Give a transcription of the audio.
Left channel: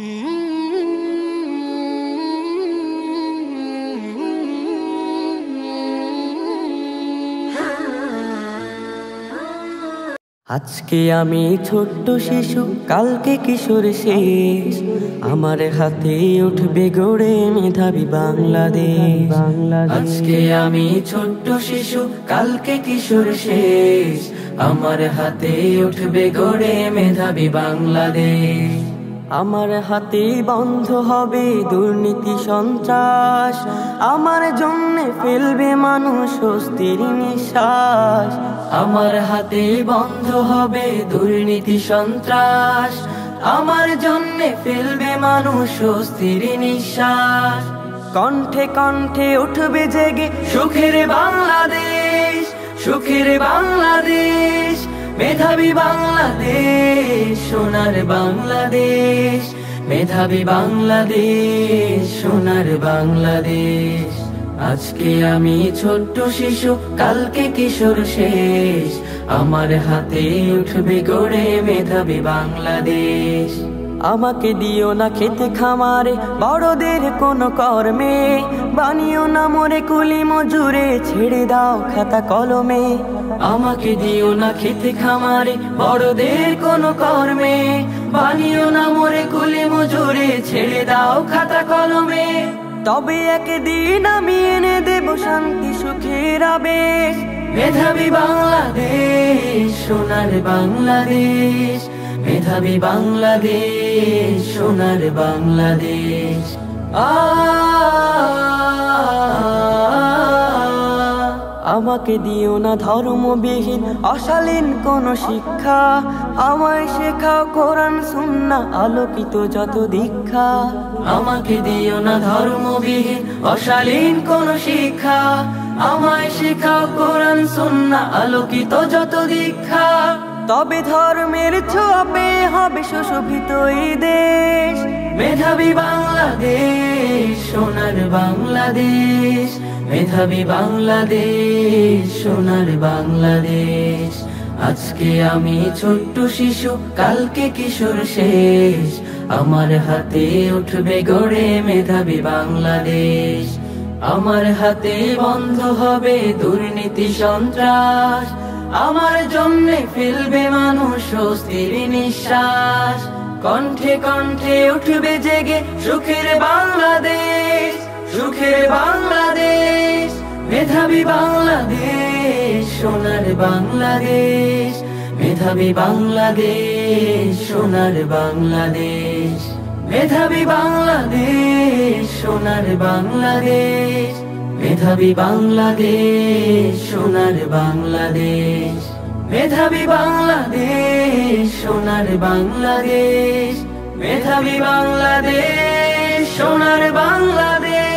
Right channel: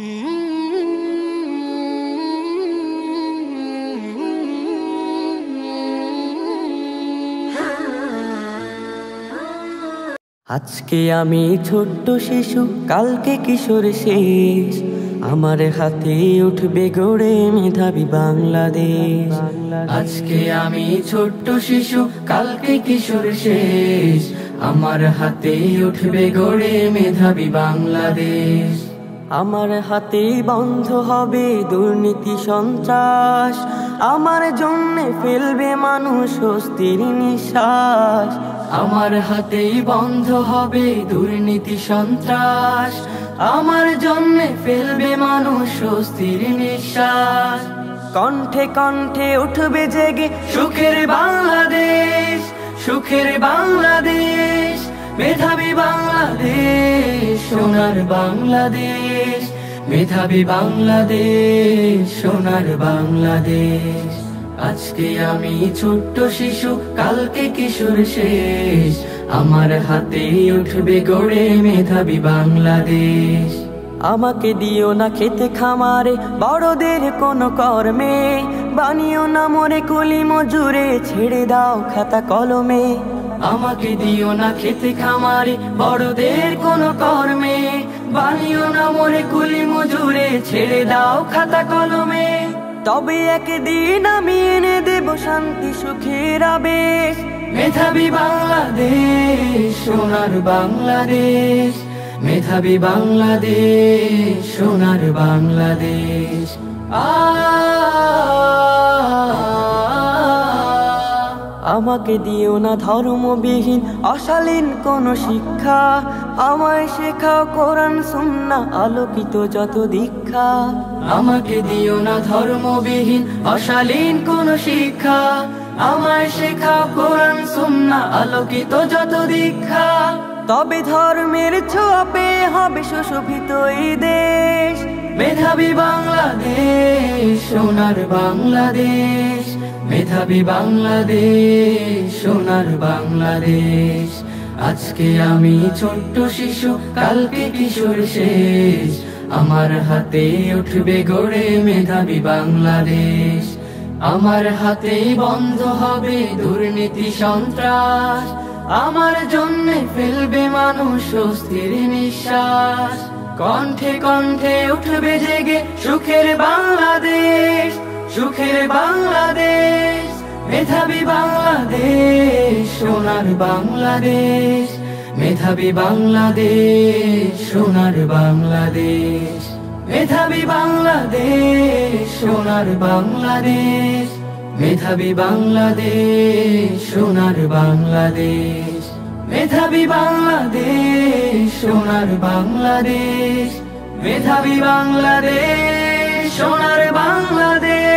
আজকে আমি ছোট্ট শিশু, কালকে কিশোর শেষ। আমার হাতে উঠবে গড়ে মেধাবী বাংলাদেশ। আজকে আমি ছোট্ট শিশু, কালকে কিশোর শেষ। আমার হাতে উঠবে গড়ে মেধাবী বাংলাদেশ। আমার হাতে বন্ধ হবে দুর্নীতি সন্ত্রাস। আমার জন্যে ফেলবে মানুষ স্বস্তির নিঃশ্বাস। আমার হাতে বন্ধ হবে দুর্নীতি সন্ত্রাস। আমার জন্যে ফেলবে মানুষ স্বস্তির নিঃশ্বাস। কণ্ঠে কণ্ঠে উঠবে জেগে সুখের বাংলাদেশ, সুখের বাংলাদেশ, মেধাবী বাংলাদেশ, সোনার বাংলাদেশ, মেধাবী বাংলাদেশ, সোনার বাংলাদেশ। আজকে আমি ছোট্ট শিশু, কালকে কিশোর শেষ। আমার হাতে উঠবে গড়ে মেধাবী বাংলাদেশ। আমাকে দিও না খেতে খামারে বড়দের কোন কর্মে, বানিও না মোরে কুলি মজুরে, ছেড়ে দাও খাতা কলমে। আমাকে দিও না খেতে খামারে বড়দের কোন কর্মে, বানিও না মোরে কুলি মজুরে, ছেড়ে দাও খাতা কলমে। তবে একদিন আমি এনে দেব শান্তি সুখের আবেশ। মেধাবী বাংলাদেশ, সোনার বাংলাদেশ, মেধাবী বাংলাদেশ, সোনার বাংলাদেশ। আমাকে দিও না ধর্মবিহীন অশালীন কোন শিক্ষা, আমায় শেখাও কোরআন সুন্নাহ আলোকিত যত দীক্ষা। আমাকে দিও না ধর্মবিহীন অশালীন কোন শিক্ষা, আমায় শেখাও কোরআন সুন্নাহ আলোকিত যত দীক্ষা। তবে ধর্মের ছোঁয়া পেয়ে হবে সুশোভিত এই দেশ। মেধাবী বাংলাদেশ, সোনার বাংলাদেশ, মেধাবী বাংলাদেশ, সোনার বাংলাদেশ। আজকে আমি ছোট্ট শিশু, কালকে কিশোর শেষ। আমার হাতে উঠবে গড়ে মেধাবী বাংলাদেশ। আমার হাতে বন্ধ হবে দুর্নীতি সন্ত্রাস। আমার জন্যে ফেলবে মানুষ স্বস্তির নিঃশ্বাস। কণ্ঠে কণ্ঠে উঠবে জেগে সুখের বাংলাদেশ, সুখের বাংলাদেশ, মেধাবী বাংলাদেশ, সোনার বাংলাদেশ, মেধাবী বাংলাদেশ, সোনার বাংলাদেশ, মেধাবী বাংলাদেশ, সোনার বাংলাদেশ, মেধাবী বাংলাদেশ, সোনার বাংলাদেশ, মেধাবী বাংলাদেশ, সোনার বাংলাদেশ, মেধাবী বাংলাদেশ, সোনার বাংলাদেশ।